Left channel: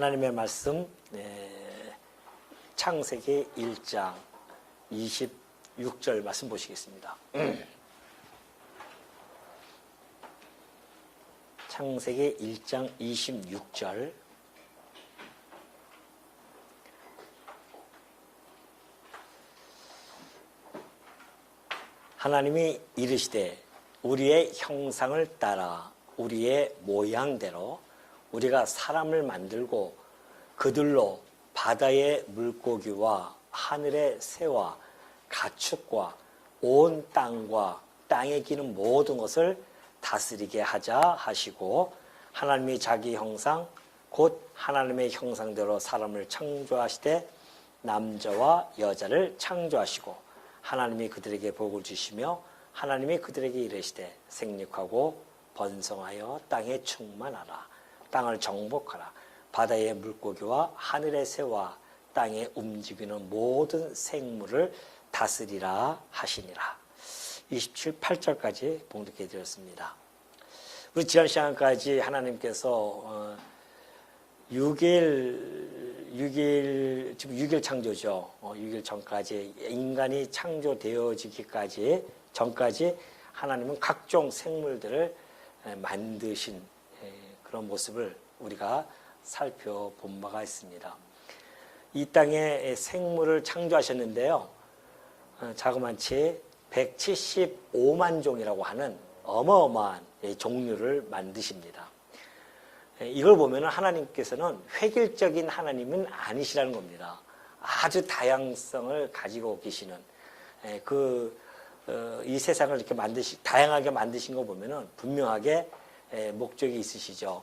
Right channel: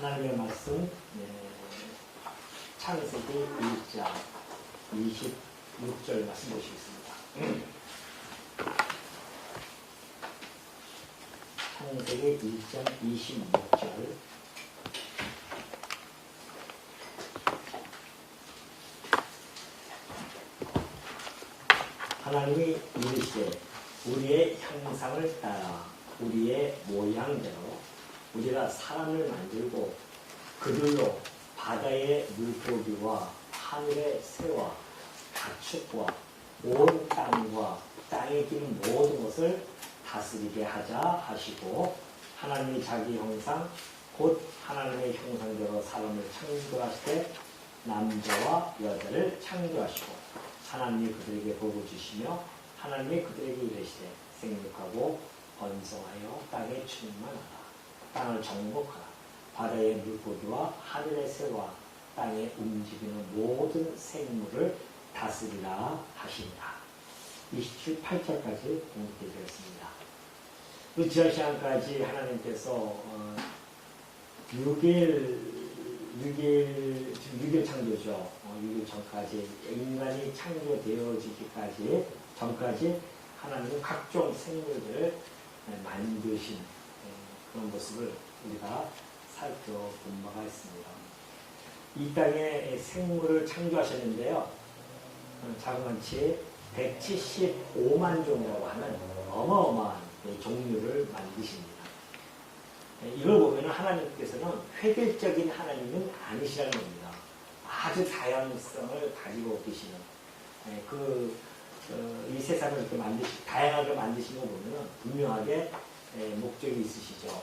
하나님의 말씀 창세기 1장 26절 말씀 보시겠습니다. 창세기 1장 26절. 하나님이 이르시되 우리의 형상을 따라 우리의 모양대로 우리가 사람을 만들고 그들로 바다의 물고기와 하늘의 새와 가축과 온 땅과 땅에 기는 모든 것을 다스리게 하자 하시고, 하나님이 자기 형상 곧 하나님의 형상대로 사람을 창조하시되 남자와 여자를 창조하시고, 하나님이 그들에게 복을 주시며 하나님이 그들에게 이르시되 생육하고 번성하여 땅에 충만하라. 땅을 정복하라. 바다의 물고기와 하늘의 새와 땅에 움직이는 모든 생물을 다스리라 하시니라. 28절까지 봉독해 드렸습니다. 우리 지난 시간까지 하나님께서 6일 창조죠. 6일 전까지 인간이 창조되어지기까지 전까지 하나님은 각종 생물들을 만드신 그런 모습을 우리가 살펴본 바가 있습니다. 이 땅에 생물을 창조하셨는데요, 자그마치 175만 종이라고 하는 어마어마한 종류를 만드십니다. 이걸 보면 하나님께서는 획일적인 하나님은 아니시라는 겁니다. 아주 다양성을 가지고 계시는 이 세상을 이렇게 다양하게 만드신 거 보면은 분명하게 목적이 있으시죠.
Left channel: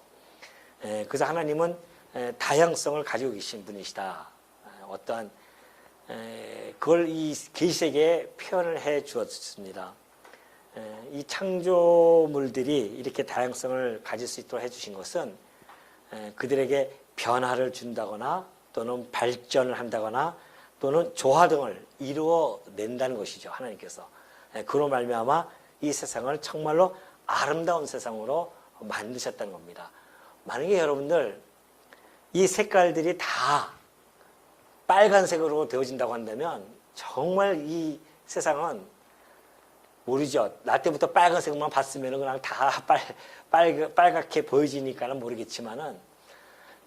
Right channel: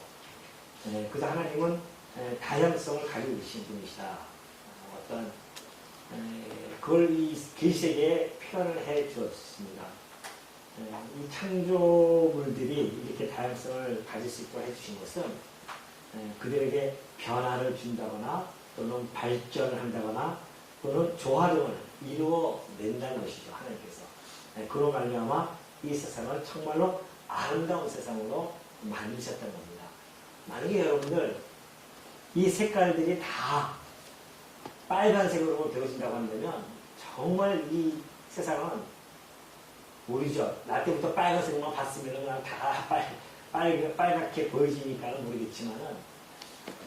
그래서 하나님은 다양성을 가지고 계신 분이시다. 어떤 그걸 이 계시에게 표현을 해 주었습니다. 이 창조물들이 이렇게 다양성을 가질 수 있도록 해주신 것은 그들에게 변화를 준다거나 또는 발전을 한다거나 또는 조화 등을 이루어낸다는 것이죠. 하나님께서 그로 말미암아 이 세상을 정말로 아름다운 세상으로 만드셨다는 겁니다. 만약에 여러분들 이 색깔들이 다 빨간색으로 되어진다고 한다면 정말 이 세상은 모르죠. 나 때부터 빨간색만 봤으면 그냥 다 빨갛게 보여지니까는 모르겠지만은,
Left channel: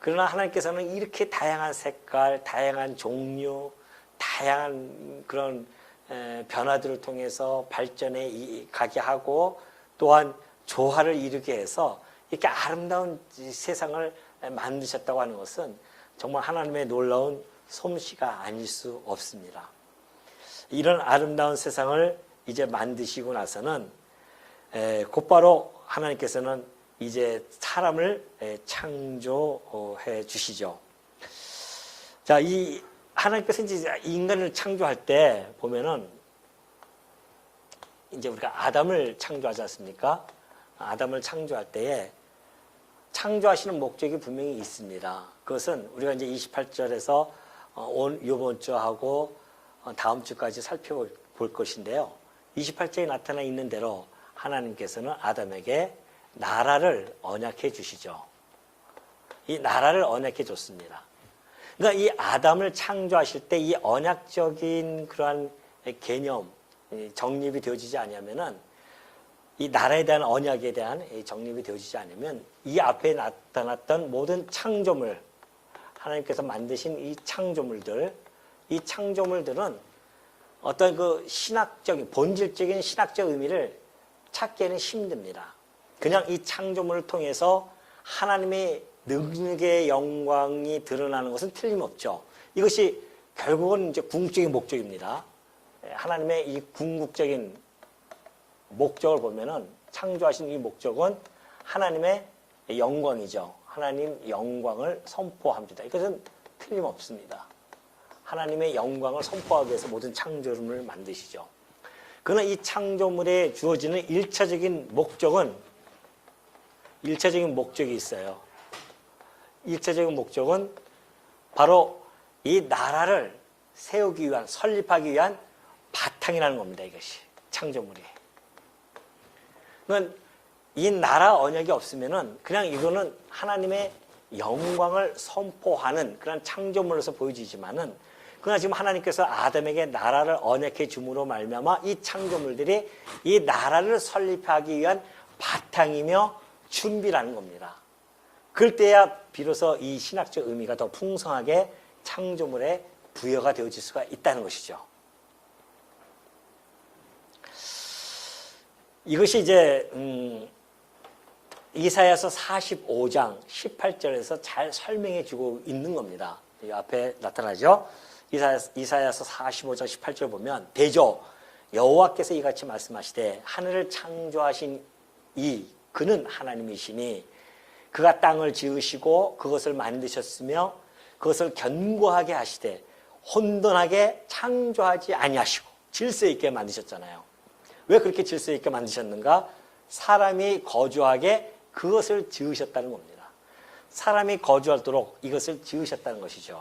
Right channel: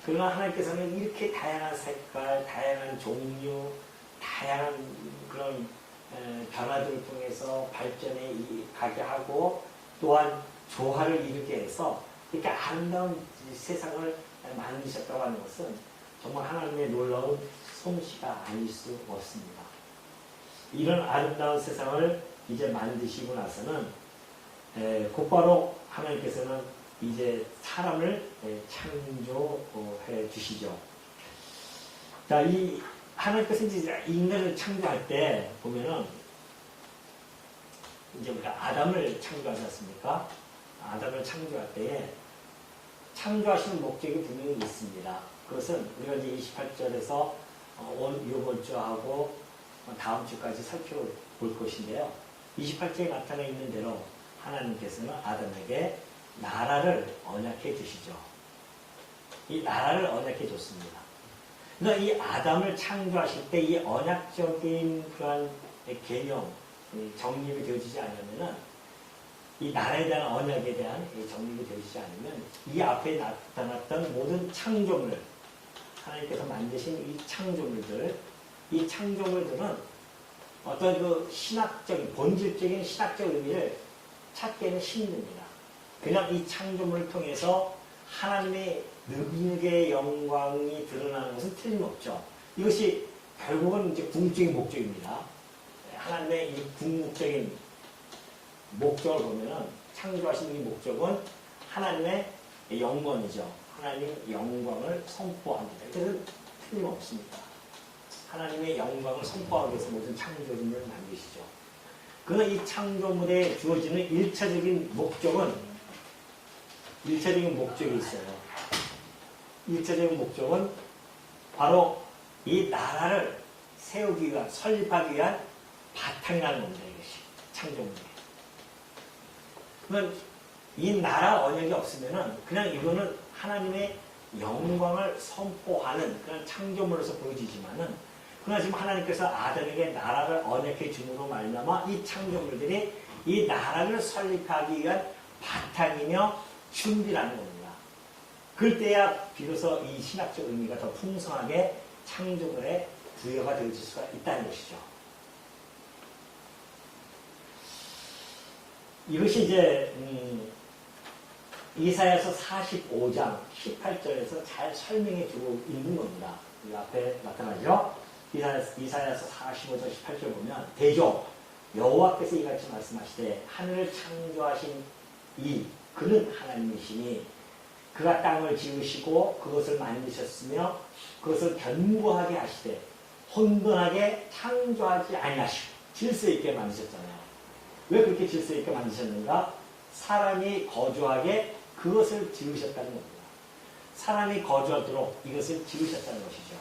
그러나 하나님께서는 이렇게 다양한 색깔, 다양한 종류, 다양한 그런 변화들을 통해서 발전에 가게 하고 또한 조화를 이루게 해서 이렇게 아름다운 세상을 만드셨다고 하는 것은 정말 하나님의 놀라운 솜씨가 아닐 수 없습니다. 이런 아름다운 세상을 이제 만드시고 나서는 곧바로 하나님께서는 이제 사람을 창조해 주시죠. 자, 이 하나님께서 이제 인간을 창조할 때 보면은 이제 우리가 아담을 창조하지 않습니까? 아담을 창조할 때에 창조하시는 목적이 분명히 있습니다. 그것은 우리가 이제 28절에서 이번 주하고 다음 주까지 살펴볼 것인데요. 28절에 나타나 있는 대로 하나님께서는 아담에게 나라를 언약해 주시죠. 이 나라를 언약해 줬습니다. 그러니까 이 아담을 창조하실 때 이 언약적인 그러한 개념, 정립이 되어지지 않으면은, 이 나라에 대한 언약에 대한 정립이 되어지지 않으면 이 앞에 나타났던 모든 창조물, 하나님께서 만드신 이 창조물들은 어떤 그 신학적인, 본질적인 신학적 의미를 찾기에는 힘듭니다. 그냥 이 창조물을 통해서 하나님의 능력의 영광이 드러나는 것은 틀림없죠. 이것이 결국은 이제 궁극적인 목적입니다. 하나님의 이 궁극적인 목적을 보면은, 창조하신 이 목적은 하나님의 영광이죠. 하나님 영광을 선포합니다. 이것은 틀림없습니다. 하나님의 영광을 선포하기 위해서 모든 창조물을 만드시죠. 그러나 이 창조물에 주어지는 일차적인 목적이 있어요. 일차적인 목적은 바로 이 나라를 세우기 위한, 설립하기 위한 바탕이라는 겁니다. 이것이 창조물이. 그러니까 이 나라 언약이 없으면은 그냥 이거는 하나님의 영광을 선포하는 그런 창조물로서 보여지지만은 그러나 지금 하나님께서 아담에게 나라를 언약해 줌으로 말미암아 이 창조물들이 이 나라를 설립하기 위한 바탕이며 준비라는 겁니다. 그럴 때야 비로소 이 신학적 의미가 더 풍성하게 창조물에 부여가 되어질 수가 있다는 것이죠. 이것이 이제 이사야서 45장 18절에서 잘 설명해 주고 있는 겁니다. 이 앞에 나타나죠. 이사야서 45장 18절 보면 대저 여호와께서 이같이 말씀하시되 하늘을 창조하신 그는 하나님이시니 그가 땅을 지으시고 그것을 만드셨으며 그것을 견고하게 하시되 혼돈하게 창조하지 아니하시고 질서 있게 만드셨잖아요. 왜 그렇게 질서 있게 만드셨는가? 사람이 거주하게 그것을 지으셨다는 겁니다. 사람이 거주하도록 이것을 지으셨다는 것이죠.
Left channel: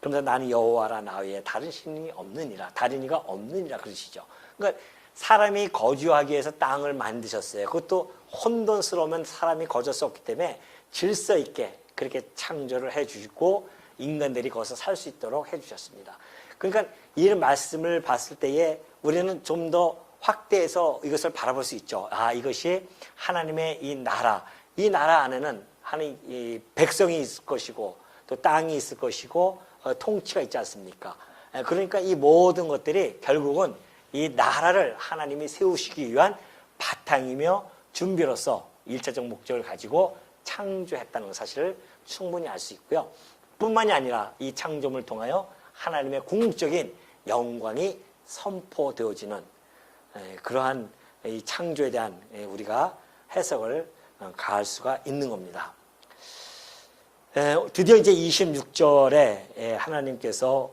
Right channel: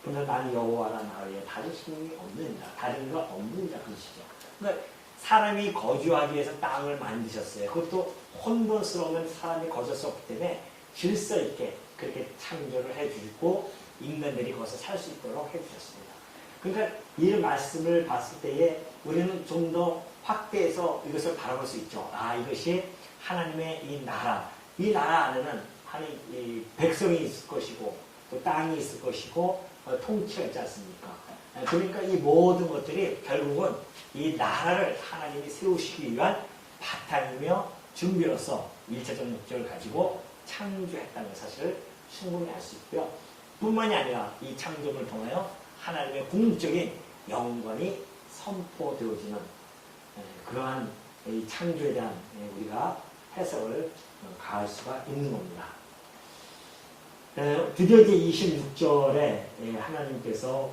그러면서 나는 여호와라 나 외에 다른 신이 없느니라. 다른 이가 없느니라 그러시죠. 그러니까 사람이 거주하기 위해서 땅을 만드셨어요. 그것도 혼돈스러우면 사람이 거주할 수 없기 때문에 질서 있게 그렇게 창조를 해주시고 인간들이 거기서 살 수 있도록 해주셨습니다. 그러니까 이 말씀을 봤을 때에 우리는 좀 더 확대해서 이것을 바라볼 수 있죠. 이것이 하나님의 이 나라 안에는 하나님 이 백성이 있을 것이고 또 땅이 있을 것이고 통치가 있지 않습니까? 그러니까 이 모든 것들이 결국은 이 나라를 하나님이 세우시기 위한 바탕이며 준비로서 일차적 목적을 가지고 창조했다는 사실을 충분히 알 수 있고요. 뿐만이 아니라 이 창조물을 통하여 하나님의 궁극적인 영광이 선포되어지는 그러한 이 창조에 대한 우리가 해석을 가할 수가 있는 겁니다. 드디어 이제 26절에 하나님께서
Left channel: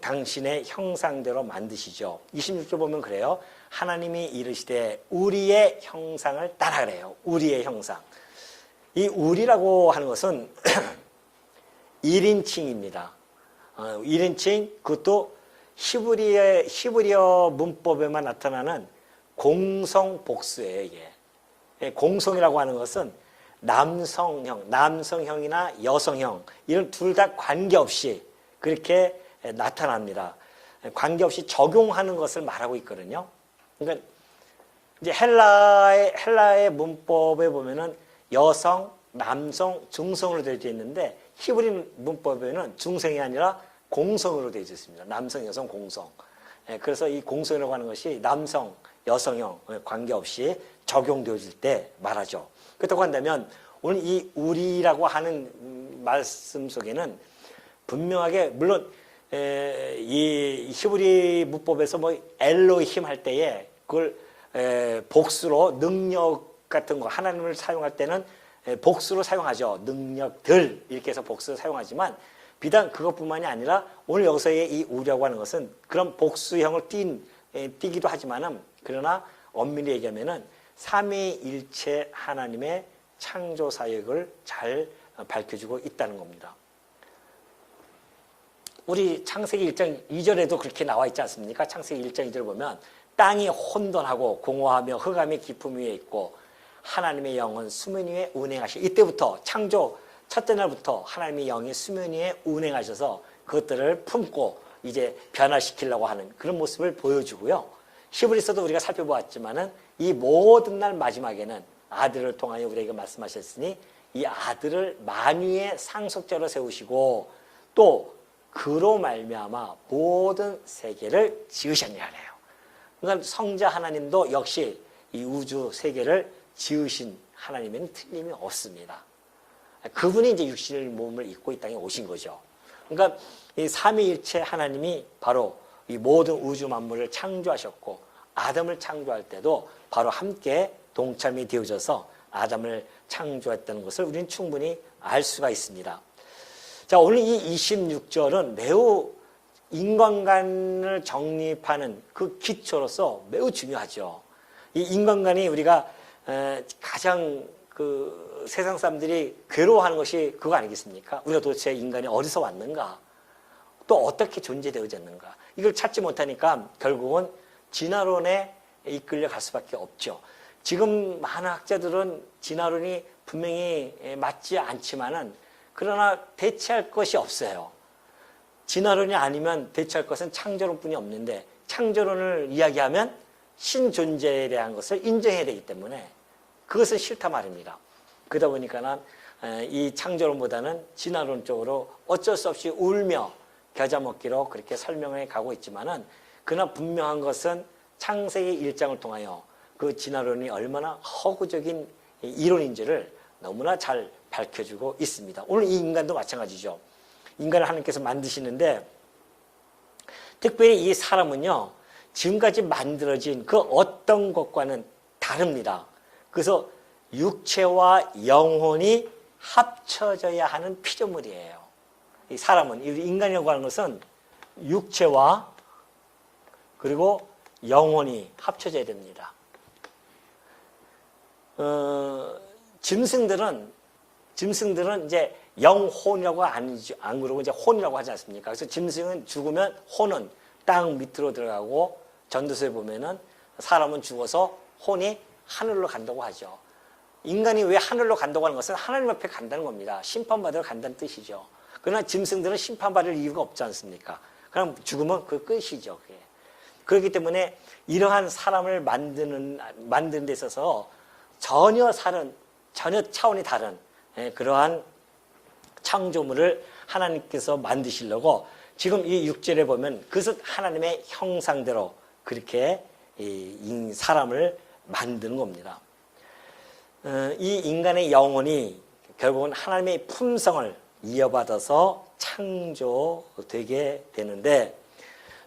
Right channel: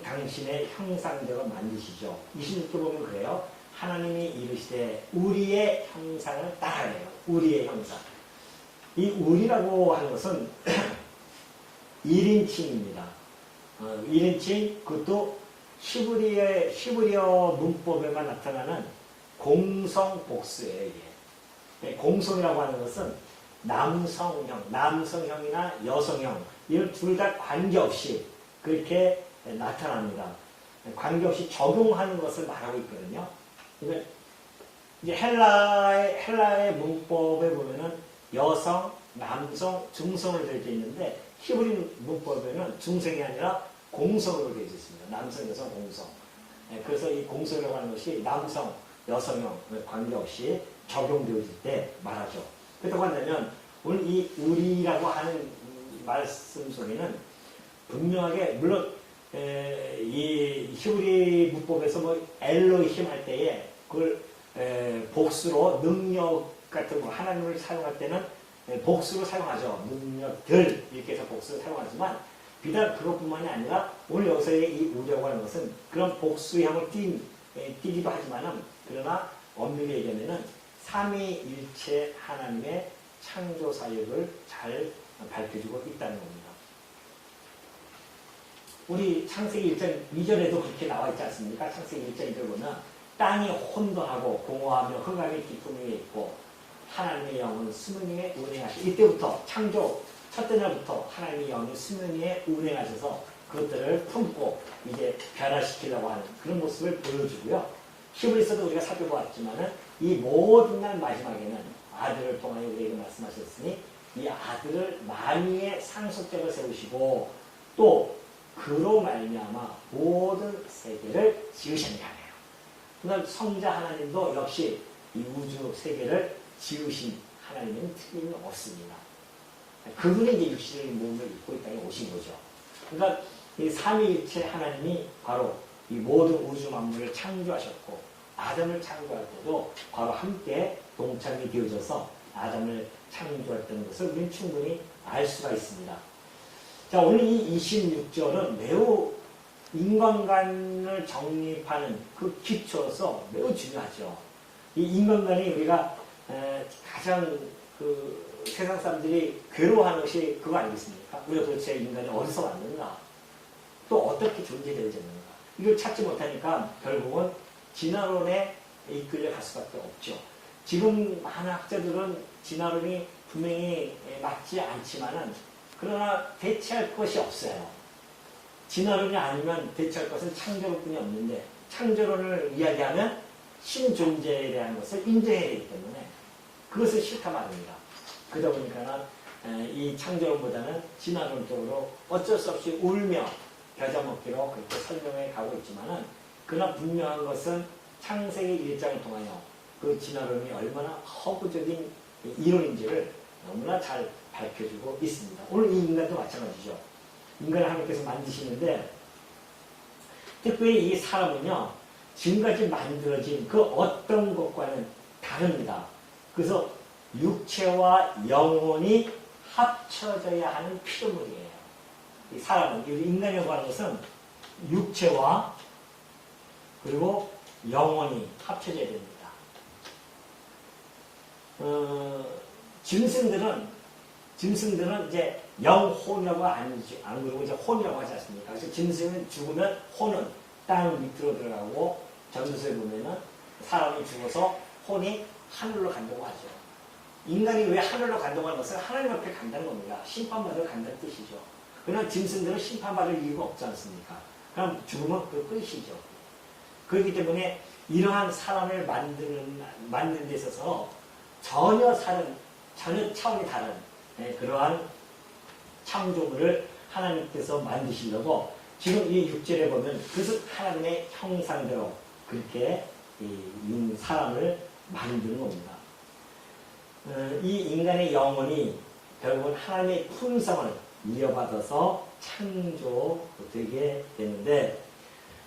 당신의 형상대로 만드시죠. 26절 보면 그래요. 하나님이 이르시되 우리의 형상을 따라하래요. 우리의 형상. 이 우리라고 하는 것은 1인칭입니다. 1인칭 그것도 히브리어 문법에만 나타나는 공성 복수예요. 이게. 공성이라고 하는 것은 남성형이나 여성형 이런 둘 다 관계없이 그렇게 나타납니다. 관계없이 적용하는 것을 말하고 있거든요. 그러니까 이제 헬라의 문법에 보면은 여성, 남성, 중성으로 되어 있는데 히브리 문법에는 중성이 아니라 공성으로 되어 있습니다. 남성, 여성, 공성. 그래서 이 공성이라고 하는 것이 남성, 여성형 관계없이 적용되어질 때 말하죠. 그렇다고 한다면 오늘 이 우리라고 하는 말씀 속에는 분명하게 물론 이 히브리 문법에서 뭐 엘로힘 할 때에 그걸 복수로 능력 같은 거 하나님을 사용할 때는 복수로 사용하죠. 능력들 이렇게 해서 복수로 사용하지만 비단 그것뿐만이 아니라 오늘 여기서의 이 우리라고 하는 것은 그런 복수형을 띠기도 하지만은 그러나 엄밀히 얘기하면은 삼위일체 하나님의 창조 사역을 잘 밝혀주고 있다는 겁니다. 우리 창세기 1장 2절에도 그렇게 나와 있지 않습니까? 창세기 1장 2절 보면 땅이 혼돈하고 공허하며 흑암이 깊음 위에 있고 하나님의 영은 수면 위에 운행하시. 이때부터 창조 첫째 날부터 하나님의 영이 수면 위에 운행하셔서 그것들을 품고 이제 변화시키려고 하는 그런 모습을 보여주고요. 히브리서도 우리가 살펴보았지만은 이 모든 날 마지막에는 아들을 통하여 우리에게 말씀하셨으니 이 아들을 만유의 상속자로 세우시고 또 그로 말미암아 모든 세계를 지으셨냐네요. 그러니까 성자 하나님도 역시 이 우주 세계를 지으신 하나님은 틀림이 없습니다. 그분이 이제 육신의 몸을 입고 이 땅에 오신 거죠. 그러니까 이 삼위일체 하나님이 바로 이 모든 우주 만물을 창조하셨고 아담을 창조할 때도 바로 함께 동참이 되어져서 아담을 창조했다는 것을 우리는 충분히 알 수가 있습니다. 자, 오늘 이 26절은 매우 인간관을 정립하는 그 기초로서 매우 중요하죠. 이 인간관이 우리가 가장 세상 사람들이 괴로워하는 것이 그거 아니겠습니까? 우리가 도대체 인간이 어디서 왔는가? 또 어떻게 존재되어졌는가? 이걸 찾지 못하니까 결국은 진화론에 이끌려 갈 수밖에 없죠. 지금 많은 학자들은 진화론이 분명히 맞지 않지만은 그러나 대체할 것이 없어요. 진화론이 아니면 대체할 것은 창조론뿐이 없는데 창조론을 이야기하면 신존재에 대한 것을 인정해야 되기 때문에 그것은 싫다 말입니다. 그러다 보니까 이 창조론보다는 진화론 쪽으로 어쩔 수 없이 울며 겨자 먹기로 그렇게 설명해 가고 있지만은 그러나 분명한 것은 창세기 1장을 통하여 그 진화론이 얼마나 허구적인 이론인지를 너무나 잘 밝혀주고 있습니다. 오늘 이 인간도 마찬가지죠. 인간을 하나님께서 만드시는데 특별히 이 사람은요. 지금까지 만들어진 그 어떤 것과는 다릅니다. 그래서 육체와 영혼이 합쳐져야 하는 피조물이에요. 이 사람은, 인간이라고 하는 것은 육체와 그리고 영혼이 합쳐져야 됩니다. 짐승들은 이제 영혼이라고 안 그러고 이제 혼이라고 하지 않습니까? 그래서 짐승은 죽으면 혼은 땅 밑으로 들어가고 전도서에 보면은 사람은 죽어서 혼이 하늘로 간다고 하죠. 인간이 왜 하늘로 간다고 하는 것은 하나님 앞에 간다는 겁니다. 심판받으러 간다는 뜻이죠. 그러나 짐승들은 심판받을 이유가 없지 않습니까? 그럼 죽으면 그 끝이죠. 그렇기 때문에 이러한 사람을 만드는 데 있어서 전혀 차원이 다른 그러한 창조물을 하나님께서 만드시려고 지금 이 6절에 보면 그것은 하나님의 형상대로 그렇게 이 사람을 만드는 겁니다. 이 인간의 영혼이 결국은 하나님의 품성을 이어받아서 창조되게 되는데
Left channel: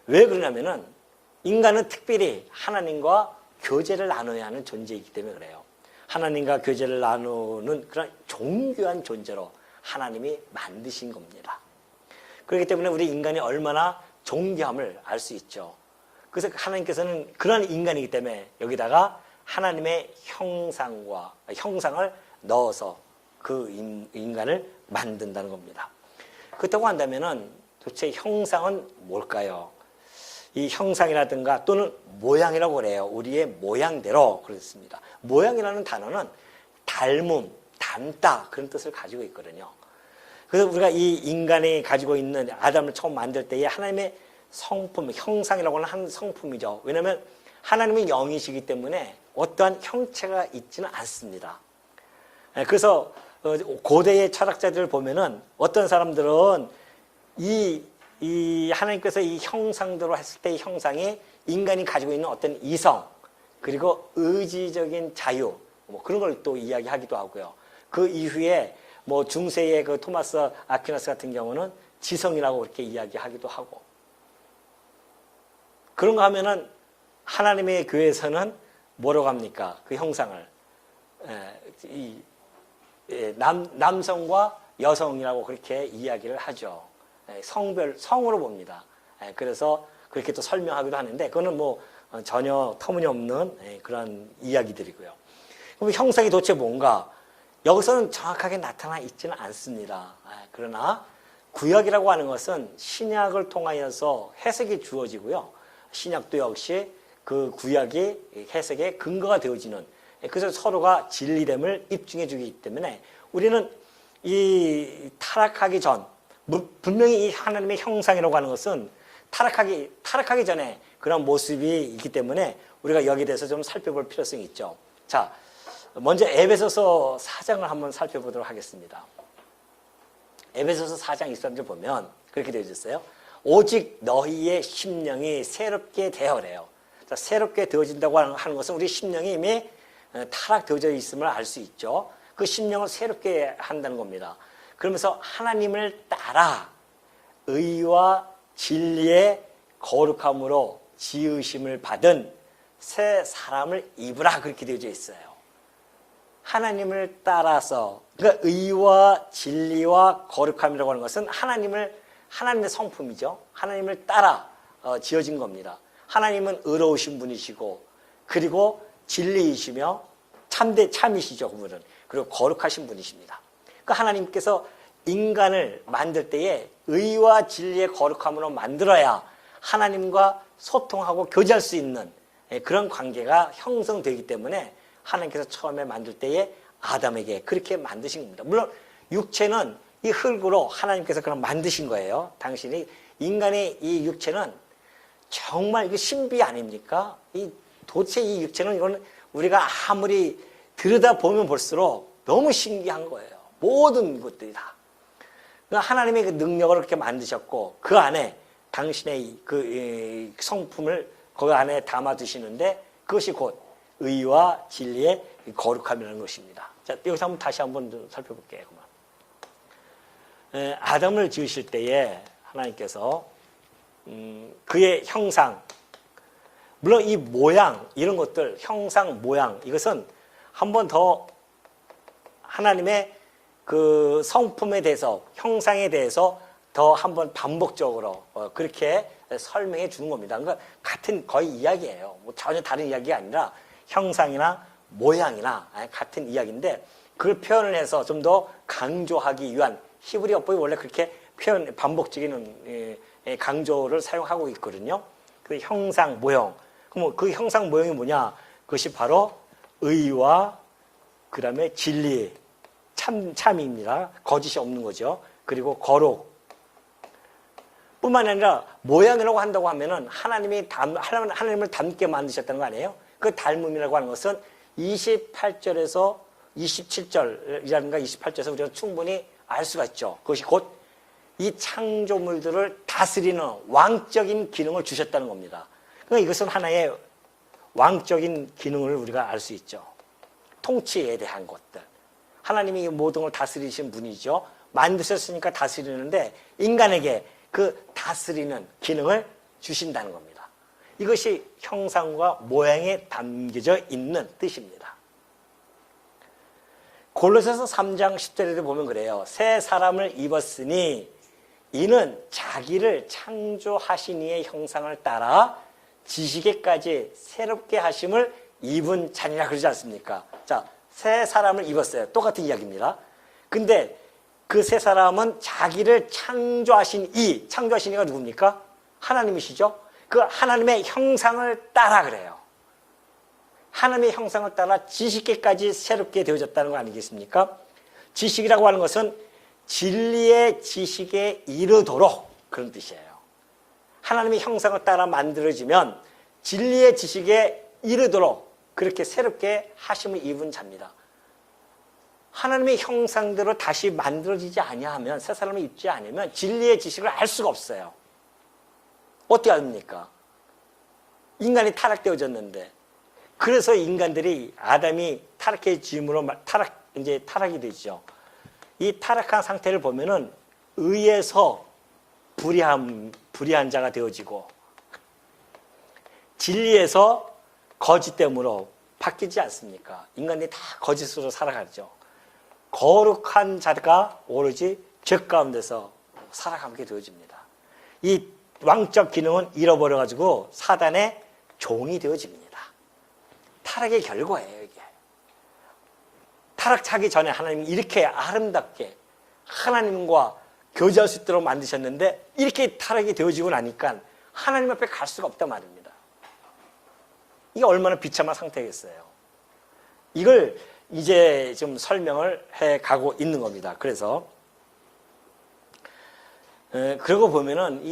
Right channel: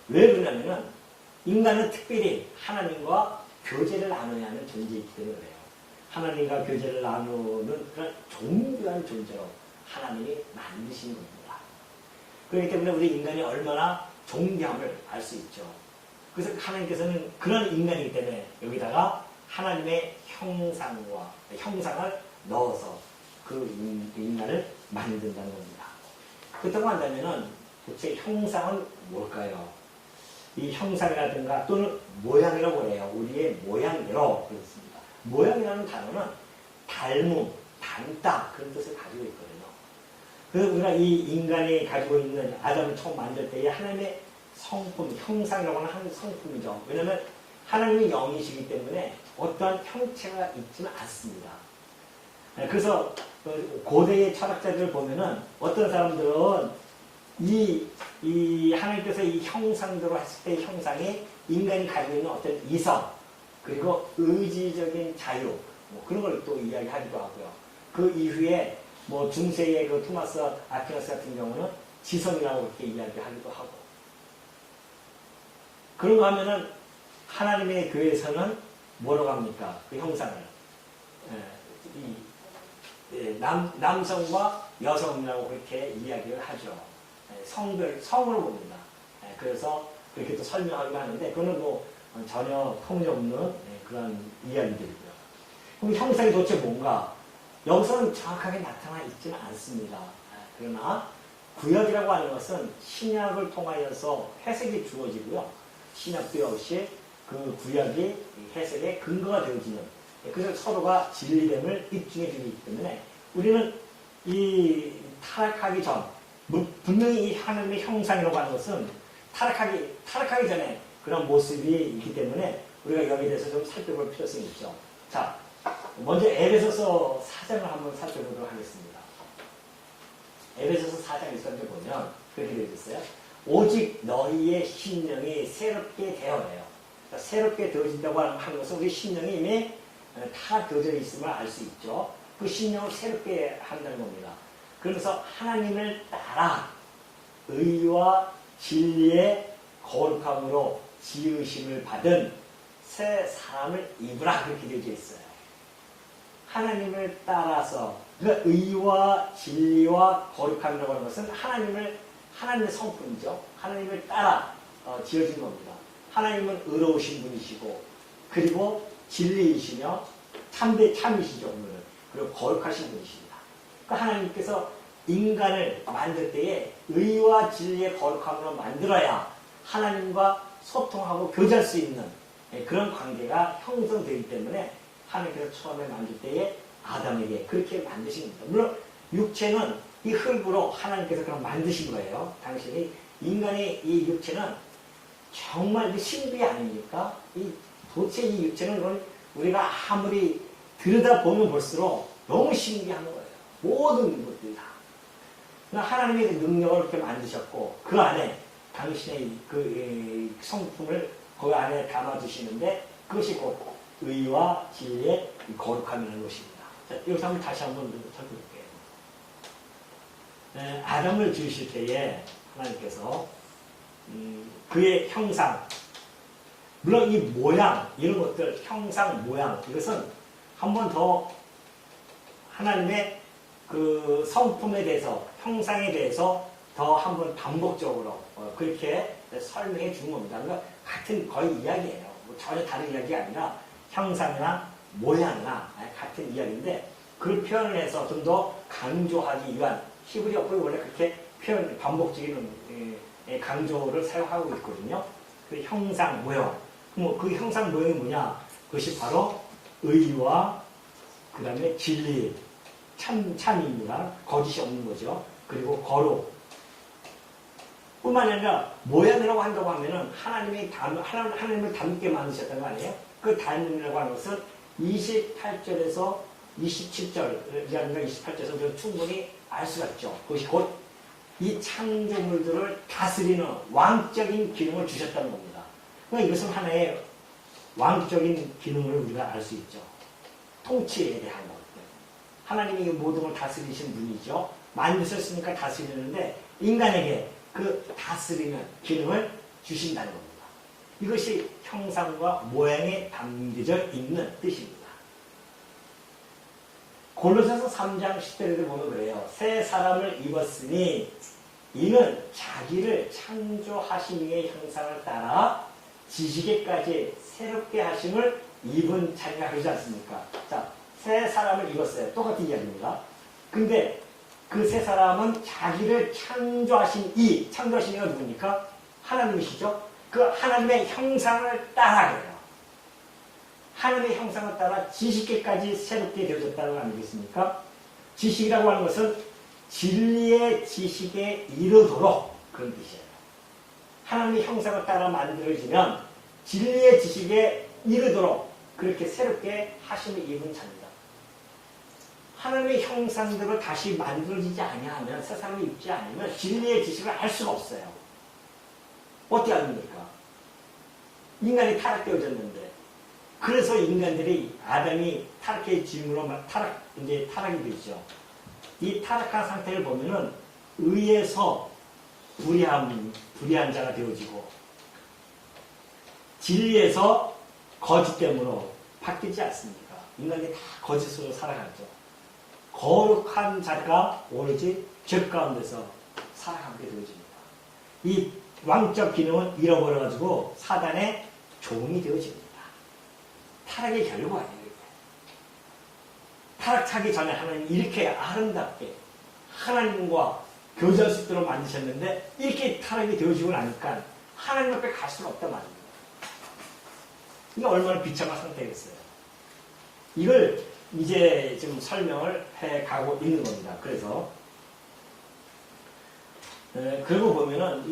왜 그러냐면은 인간은 특별히 하나님과 교제를 나눠야 하는 존재이기 때문에 그래요. 하나님과 교제를 나누는 그런 존귀한 존재로 하나님이 만드신 겁니다. 그렇기 때문에 우리 인간이 얼마나 존귀함을 알 수 있죠. 그래서 하나님께서는 그런 인간이기 때문에 여기다가 하나님의 형상을 넣어서 그 인간을 만든다는 겁니다. 그렇다고 한다면은 도대체 형상은 뭘까요? 이 형상이라든가 또는 모양이라고 그래요. 우리의 모양대로 그렇습니다. 모양이라는 단어는 닮음, 닮다 그런 뜻을 가지고 있거든요. 그래서 우리가 이 인간이 가지고 있는 아담을 처음 만들 때에 하나님의 성품, 형상이라고 하는 한 성품이죠. 왜냐하면 하나님이 영이시기 때문에 어떠한 형체가 있지는 않습니다. 그래서 고대의 철학자들을 보면은 어떤 사람들은 이 하나님께서 이 형상대로 했을 때의 형상이 인간이 가지고 있는 어떤 이성 그리고 의지적인 자유 뭐 그런 걸 또 이야기하기도 하고요. 그 이후에 뭐 중세의 그 토마스 아퀴나스 같은 경우는 지성이라고 그렇게 이야기하기도 하고 그런 거 하면은 하나님의 교회에서는 뭐라고 합니까? 그 형상을 남성과 여성이라고 그렇게 이야기를 하죠. 성으로 봅니다. 그래서 그렇게 또 설명하기도 하는데 그거는 뭐 전혀 터무니없는 그런 이야기들이고요. 그럼 형상이 도대체 뭔가? 여기서는 정확하게 나타나 있지는 않습니다. 그러나 구약이라고 하는 것은 신약을 통하여서 해석이 주어지고요. 신약도 역시 그 구약이 해석의 근거가 되어지는 그래서 서로가 진리됨을 입증해 주기 때문에 우리는 이 타락하기 전 분명히 이 하나님의 형상이라고 하는 것은 타락하기 전에 그런 모습이 있기 때문에 우리가 여기에 대해서 좀 살펴볼 필요성이 있죠. 자, 먼저 에베소서 4장을 한번 살펴보도록 하겠습니다. 에베소서 4장 1절을 보면 그렇게 되어 있어요. 오직 너희의 심령이 새롭게 되어래요. 새롭게 되어진다고 하는 것은 우리 심령이 이미 타락되어져 있음을 알 수 있죠. 그 심령을 새롭게 한다는 겁니다. 그러면서 하나님을 따라 의와 진리의 거룩함으로 지으심을 받은 새 사람을 입으라 그렇게 되어져 있어요. 하나님을 따라서 그러니까 의와 진리와 거룩함이라고 하는 것은 하나님의 성품이죠. 하나님을 따라 지어진 겁니다. 하나님은 의로우신 분이시고 그리고 진리이시며 참이시죠. 그분은. 그리고 거룩하신 분이십니다. 그러니까 하나님께서 인간을 만들 때에 의와 진리의 거룩함으로 만들어야 하나님과 소통하고 교제할 수 있는 그런 관계가 형성되기 때문에 하나님께서 처음에 만들 때에 아담에게 그렇게 만드신 겁니다. 물론 육체는 이 흙으로 하나님께서 그냥 만드신 거예요. 당신이 인간의 이 육체는 정말 이거 신비 아닙니까? 도대체 이 육체는 이건 우리가 아무리 들여다보면 볼수록 너무 신기한 거예요. 모든 것들이 다. 하나님의 그 능력을 그렇게 만드셨고 그 안에 당신의 그 성품을 그 안에 담아두시는데 그것이 곧 의와 진리의 거룩함이라는 것입니다. 자, 여기서 한번 다시 한번 살펴볼게요. 아담을 지으실 때에 하나님께서 그의 형상, 물론 이 모양, 이런 것들, 형상, 모양, 이것은 한 번 더 하나님의 그 성품에 대해서, 형상에 대해서 더 한 번 반복적으로 그렇게 설명해 주는 겁니다. 그러니까 같은 거의 이야기예요. 전혀 다른 이야기가 아니라 형상이나 모양이나 같은 이야기인데 그걸 표현을 해서 좀 더 강조하기 위한 히브리어법이 원래 그렇게 표현, 반복적인 강조를 사용하고 있거든요. 그 형상, 모형. 그럼 그 형상, 모형이 뭐냐? 그것이 바로 의와 그 다음에 진리, 참입니다. 거짓이 없는 거죠. 그리고 거룩. 뿐만 아니라 모양이라고 한다고 하면은 하나님을 닮게 만드셨다는 거 아니에요? 그 닮음이라고 하는 것은 28절에서 27절이라든가 28절에서 우리가 충분히 알 수가 있죠. 그것이 곧 이 창조물들을 다스리는 왕적인 기능을 주셨다는 겁니다. 그러니까 이것은 하나의 왕적인 기능을 우리가 알 수 있죠. 통치에 대한 것들. 하나님이 이 모든 걸 다스리신 분이죠. 만드셨으니까 다스리는데 인간에게 그 다스리는 기능을 주신다는 겁니다. 이것이 형상과 모양에 담겨져 있는 뜻입니다. 골로새서 3장 10절에도 보면 그래요. 새 사람을 입었으니 이는 자기를 창조하신 이의 형상을 따라 지식에까지 새롭게 하심을 입은 자니라 그러지 않습니까? 자, 새 사람을 입었어요. 똑같은 이야기입니다. 근데 그 새 사람은 자기를 창조하신 이가 누굽니까? 하나님이시죠? 그 하나님의 형상을 따라 그래요. 하나님의 형상을 따라 지식에까지 새롭게 되어졌다는 거 아니겠습니까? 지식이라고 하는 것은 진리의 지식에 이르도록 그런 뜻이에요. 하나님의 형상을 따라 만들어지면 진리의 지식에 이르도록 그렇게 새롭게 하심을 입은 자입니다. 하나님의 형상대로 다시 만들어지지 아니하면 새 사람을 입지 않으면 진리의 지식을 알 수가 없어요. 어떻게 압니까? 인간이 타락되어졌는데 그래서 인간들이 아담이 타락의 지음으로 타락이 되죠. 이 타락한 상태를 보면은 의에서 불의한 자가 되어지고 진리에서 거짓됨으로 바뀌지 않습니까? 인간들이 다 거짓으로 살아가죠. 거룩한 자가 오로지 죄 가운데서 살아가게 되어집니다. 이 왕적 기능은 잃어버려가지고 사단의 종이 되어집니다. 타락의 결과예요, 이게. 타락하기 전에 하나님이 이렇게 아름답게 하나님과 교제할 수 있도록 만드셨는데 이렇게 타락이 되어지고 나니까 하나님 옆에 갈 수가 없단 말입니다. 이게 얼마나 비참한 상태겠어요. 이걸 이제 좀 설명을 해가고 있는 겁니다. 그래서 그러고 보면은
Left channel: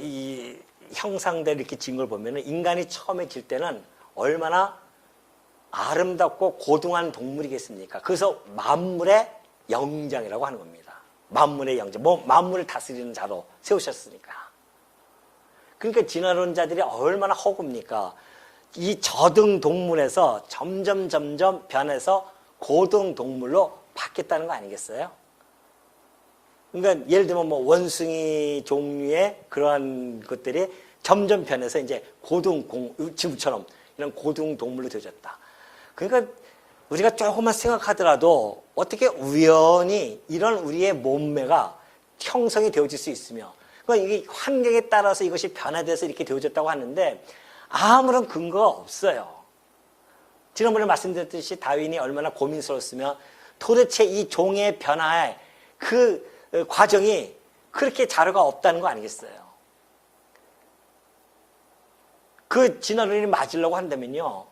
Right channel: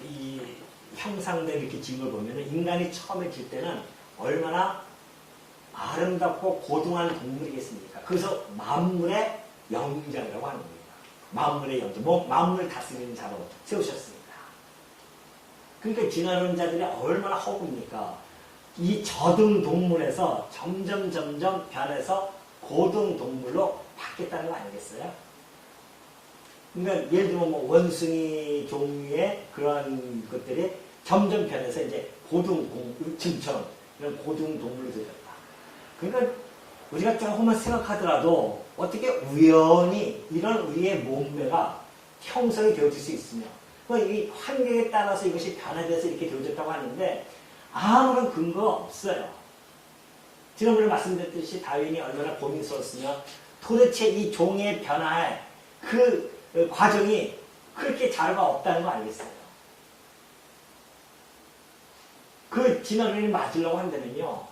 이 형상대로 이렇게 지은 걸 보면은 인간이 처음에 질 때는 얼마나 아름답고 고등한 동물이겠습니까? 그래서 만물의 영장이라고 하는 겁니다. 만물의 영장. 만물을 다스리는 자로 세우셨으니까. 그러니까 지나는 자들이 얼마나 허구입니까? 이 저등 동물에서 점점 변해서 고등 동물로 바뀌었다는 거 아니겠어요? 그러니까 예를 들면 뭐 원숭이 종류의 그러한 것들이 점점 변해서 이제 지금처럼 이런 고등 동물로 되어졌다. 그러니까 우리가 조금만 생각하더라도 어떻게 우연히 이런 우리의 몸매가 형성이 되어질 수 있으며 그러니까 이게 환경에 따라서 이것이 변화돼서 이렇게 되어졌다고 하는데 아무런 근거가 없어요. 지난번에 말씀드렸듯이 다윈이 얼마나 고민스러웠으며 도대체 이 종의 변화에 그 과정이 그렇게 자료가 없다는 거 아니겠어요? 그 진화론이 맞으려고 한다면요.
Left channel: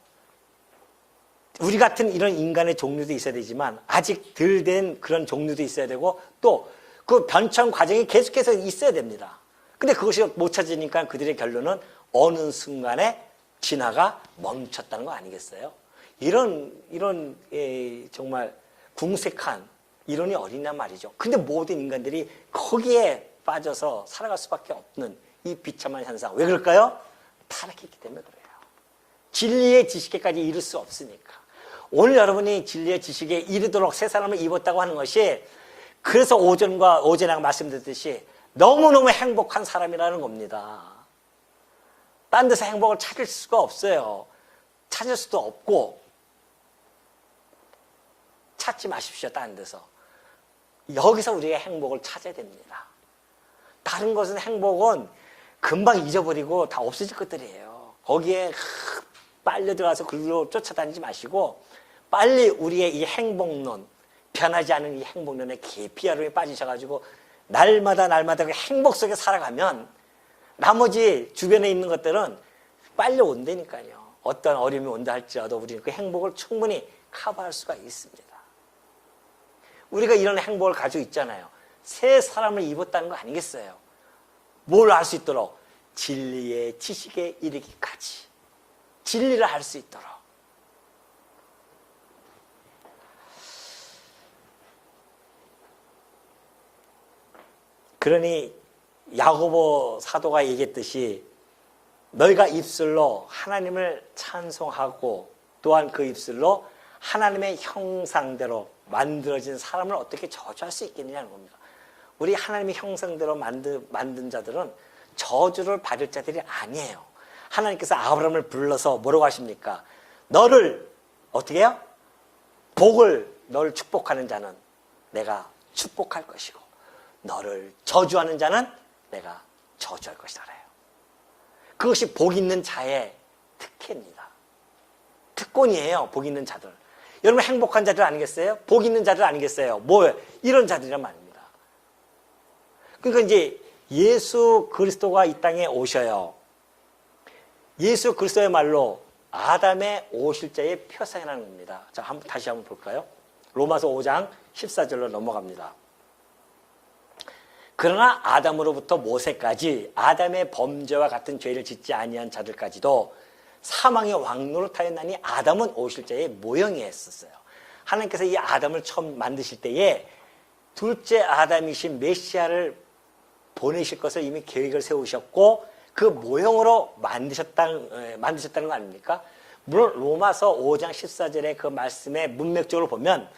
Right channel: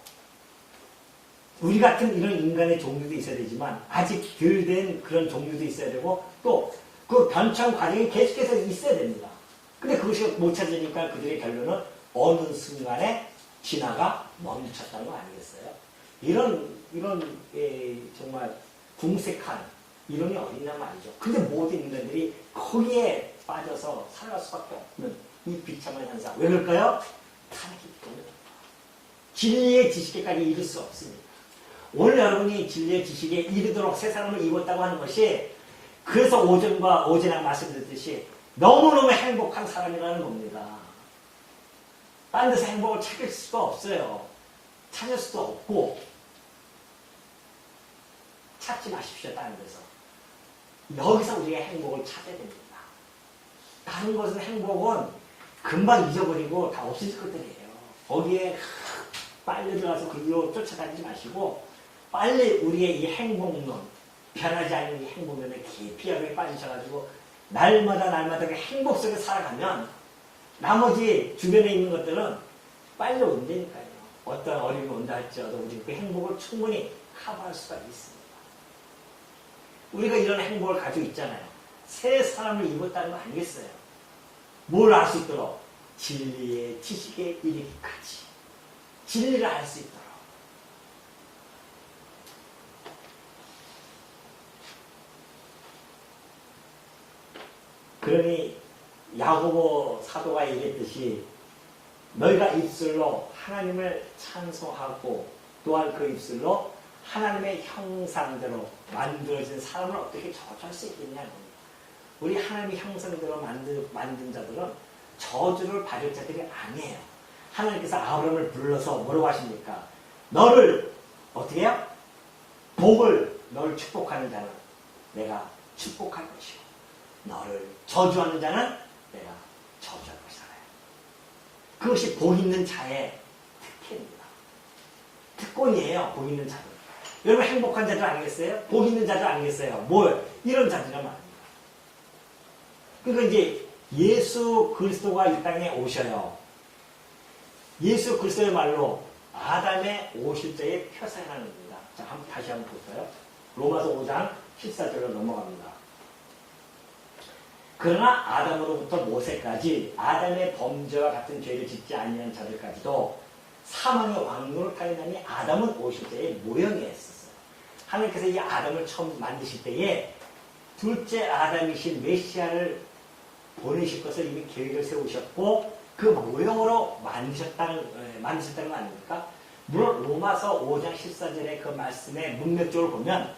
우리 같은 이런 인간의 종류도 있어야 되지만 아직 덜 된 그런 종류도 있어야 되고 또 그 변천 과정이 계속해서 있어야 됩니다. 근데 그것이 못 찾으니까 그들의 결론은 어느 순간에 진화가 멈췄다는 거 아니겠어요? 이런 정말 궁색한 이론이 어딨냐 말이죠. 근데 모든 인간들이 거기에 빠져서 살아갈 수밖에 없는 이 비참한 현상. 왜 그럴까요? 타락했기 때문에 그래요. 진리의 지식에까지 이룰 수 없으니까. 오늘 여러분이 진리의 지식에 이르도록 새 사람을 입었다고 하는 것이 그래서 오전에 말씀드렸듯이 너무너무 행복한 사람이라는 겁니다. 딴 데서 행복을 찾을 수가 없어요. 찾을 수도 없고 찾지 마십시오. 다른 데서. 여기서 우리가 행복을 찾아야 됩니다. 다른 것은 행복은 금방 잊어버리고 다 없어질 것들이에요. 거기에 빨려 들어가서 글로 쫓아다니지 마시고 빨리 우리의 이 행복론, 변하지 않은 이 행복론의 깊이 아름에 빠지셔가지고 날마다 그 행복 속에 살아가면 나머지 주변에 있는 것들은 빨리 온다니까요. 어떤 어려움이 온다 할지라도 우리는 그 행복을 충분히 커버할 수가 있습니다. 우리가 이런 행복을 가지고 있잖아요. 새 사람을 입었다는 거 아니겠어요? 뭘 알 수 있도록? 진리의 지식에 이르기까지. 진리를 알 수 있도록. 그러니 야고보 사도가 얘기했듯이 너희가 입술로 하나님을 찬송하고 또한 그 입술로 하나님의 형상대로 만들어진 사람을 어떻게 저주할 수 있겠느냐는 겁니다. 우리 하나님의 형상대로 만든 자들은 저주를 받을 자들이 아니에요. 하나님께서 아브라함을 불러서 뭐라고 하십니까? 너를 어떻게 해요? 너를 축복하는 자는 내가 축복할 것이고 너를 저주하는 자는 내가 저주할 것이다. 그것이 복 있는 자의 특혜입니다. 특권이에요. 복 있는 자들. 여러분 행복한 자들 아니겠어요? 복 있는 자들 아니겠어요? 이런 자들이란 말입니다. 그러니까 이제 예수 그리스도가 이 땅에 오셔요. 예수 그리스도의 말로 아담의 오실자의 표상이라는 겁니다. 자, 다시 한번 볼까요? 로마서 5장 14절로 넘어갑니다. 그러나 아담으로부터 모세까지 아담의 범죄와 같은 죄를 짓지 아니한 자들까지도 사망의 왕노로 타였나니 아담은 오실자의 모형이었어요. 하나님께서 이 아담을 처음 만드실 때에 둘째 아담이신 메시아를 보내실 것을 이미 계획을 세우셨고 그 모형으로 만드셨다는 거 아닙니까? 물론 로마서 5장 14절의 그 말씀의 문맥적으로 보면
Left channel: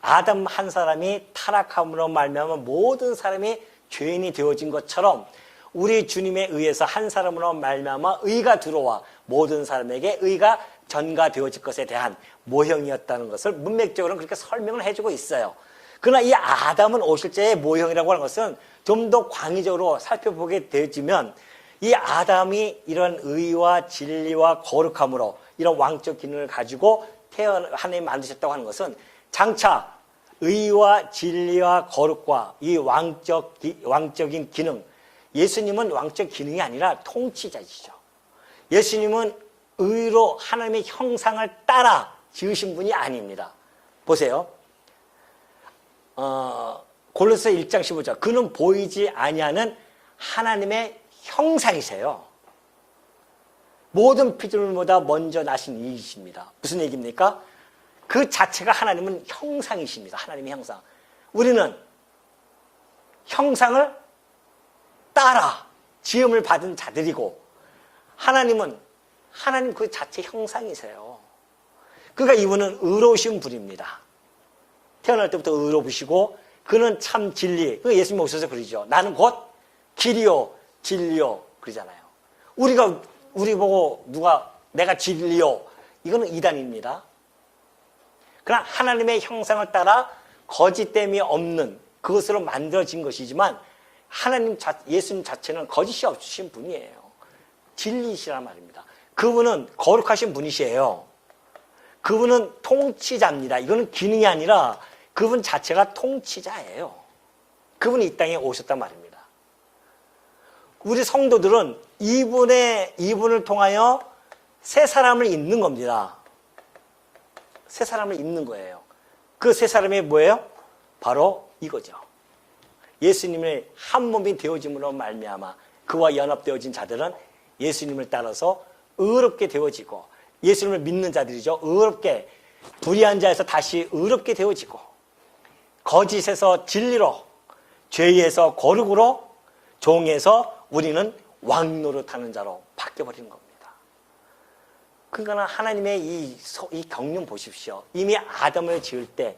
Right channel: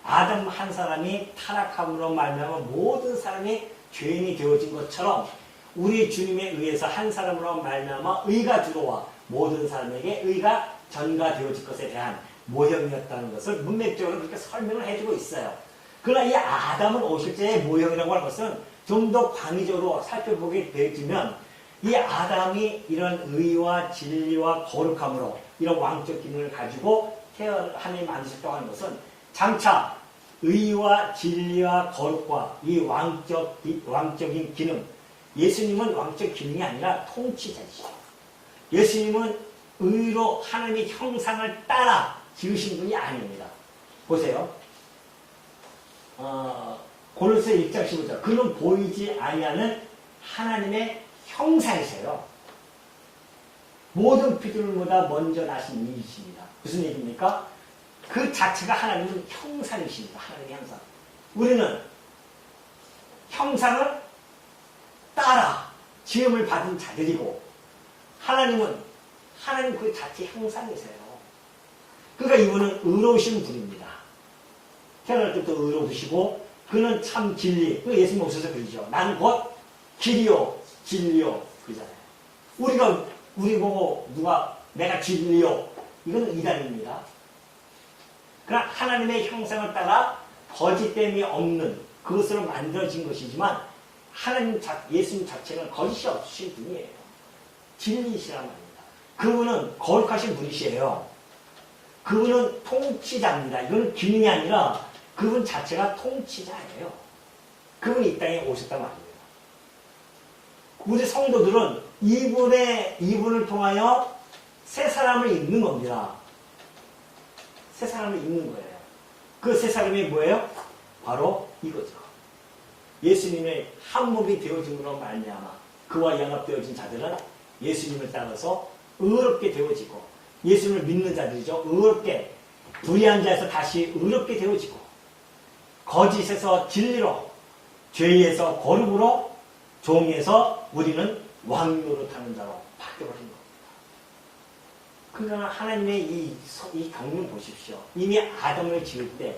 아담 한 사람이 타락함으로 말미암아 모든 사람이 죄인이 되어진 것처럼 우리 주님에 의해서 한 사람으로 말미암아 의가 들어와 모든 사람에게 의가 전가되어질 것에 대한 모형이었다는 것을 문맥적으로 그렇게 설명을 해주고 있어요. 그러나 이 아담은 오실자의 모형이라고 하는 것은 좀 더 광의적으로 살펴보게 되지만 이 아담이 이런 의와 진리와 거룩함으로 이런 왕적 기능을 가지고 하나님 만드셨다고 하는 것은 장차 의와 진리와 거룩과 이 왕적인 기능, 예수님은 왕적 기능이 아니라 통치자이시죠. 예수님은 의로 하나님의 형상을 따라 지으신 분이 아닙니다. 보세요. 골로새 1장 15절. 그는 보이지 아니하는 하나님의 형상이세요. 모든 피조물보다 먼저 나신 이이십니다. 무슨 얘기입니까? 그 자체가 하나님은 형상이십니다. 하나님의 형상. 우리는 형상을 따라 지음을 받은 자들이고 하나님 그 자체 형상이세요. 그러니까 이분은 의로우신 분입니다. 태어날 때부터 의로우시고 그는 참 진리. 예수님 오셔서 그러죠. 나는 곧 길이요 진리요 그러잖아요. 우리 보고 내가 진리요 이거는 이단입니다. 그러나 하나님의 형상을 따라 거짓됨이 없는 그것으로 만들어진 것이지만 예수님 자체는 거짓이 없으신 분이에요. 진리이시란 말입니다. 그분은 거룩하신 분이시에요. 그분은 통치자입니다. 이거는 기능이 아니라 그분 자체가 통치자예요. 그분이 이 땅에 오셨단 말입니다. 우리 성도들은 이분을 통하여 새 사람을 입는 겁니다. 새 사람을 입는 거예요. 그 새 사람이 뭐예요? 바로 이거죠. 예수님의 한 몸이 되어짐으로 말미암아 그와 연합되어진 자들은 예수님을 따라서 의롭게 되어지고, 예수님을 믿는 자들이죠. 의롭게, 불의한 자에서 다시 의롭게 되어지고, 거짓에서 진리로, 죄에서 거룩으로, 종에서 우리는 왕노릇하는 자로 바뀌어버린 겁니다. 그러니까 하나님의 이 경륜 보십시오. 이미 아담을 지을 때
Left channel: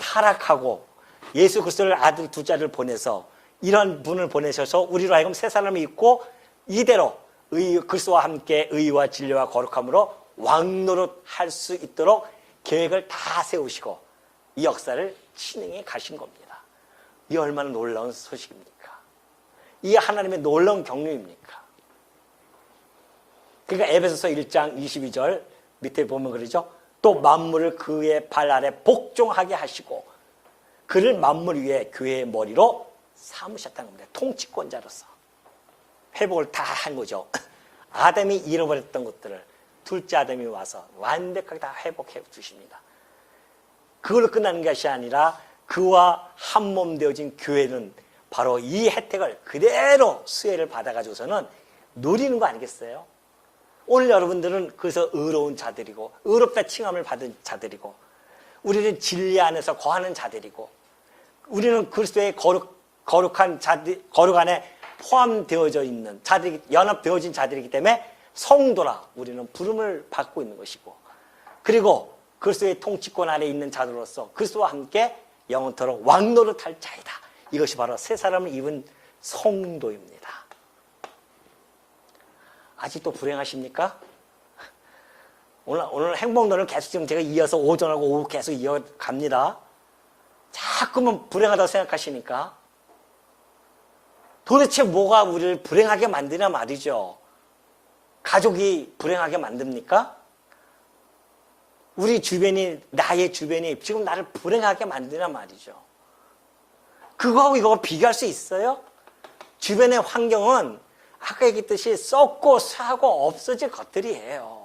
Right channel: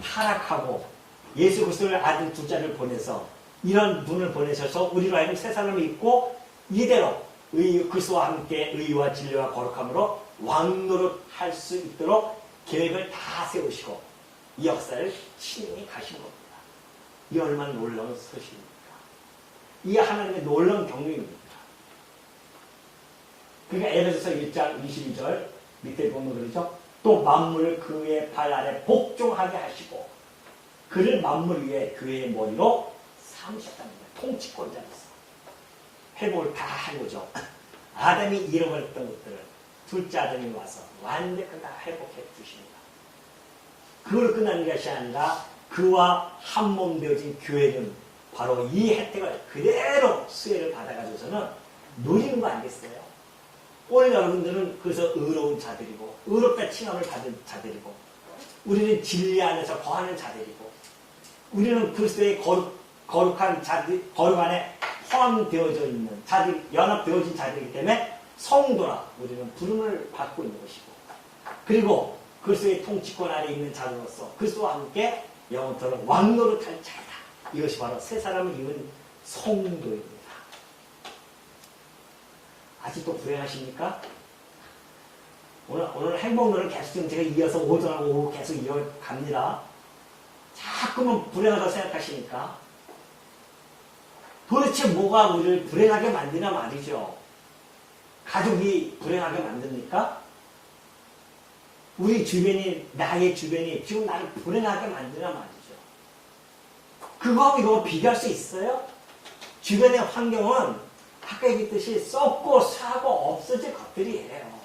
타락하고 예수 그리스도를 아들 두자를 보내서 이런 분을 보내셔서 우리로 하여금 새 사람을 입고 이대로 그리스도와 함께 의와 진리와 거룩함으로 왕노릇할 수 있도록 계획을 다 세우시고 이 역사를 진행해 가신 겁니다. 이 얼마나 놀라운 소식입니까? 이게 하나님의 놀라운 경륜입니까? 그러니까 에베소서 1장 22절 밑에 보면 그러죠. 또 만물을 그의 발 아래 복종하게 하시고 그를 만물 위에 교회의 머리로 삼으셨다는 거예요. 통치권자로서 회복을 다 한 거죠. 아담이 잃어버렸던 것들을 둘째 아담이 와서 완벽하게 다 회복해 주십니다. 그걸로 끝나는 것이 아니라 그와 한 몸 되어진 교회는 바로 이 혜택을 그대로 수혜를 받아가지고서는 누리는 거 아니겠어요? 오늘 여러분들은 그래서 의로운 자들이고 의롭다 칭함을 받은 자들이고 우리는 진리 안에서 거하는 자들이고 우리는 그리스도의 거룩한 자들, 거룩 안에 포함되어져 있는 자들이, 연합되어진 자들이기 때문에 성도라 우리는 부름을 받고 있는 것이고, 그리고 그리스도의 통치권 안에 있는 자로서 그리스도와 함께 영원토록 왕노릇할 자이다. 이것이 바로 새 사람을 입은 성도입니다. 아직도 불행하십니까? 오늘 행복론을 계속 지금 제가 이어서 오전하고 오후 계속 이어갑니다. 자꾸만 불행하다고 생각하시니까 도대체 뭐가 우리를 불행하게 만드냐 말이죠. 가족이 불행하게 만듭니까? 우리 주변이, 나의 주변이 지금 나를 불행하게 만드냐 말이죠. 그거하고 이거 비교할 수 있어요? 주변의 환경은 아까 얘기했듯이 썩고 사고 없어질 것들이에요.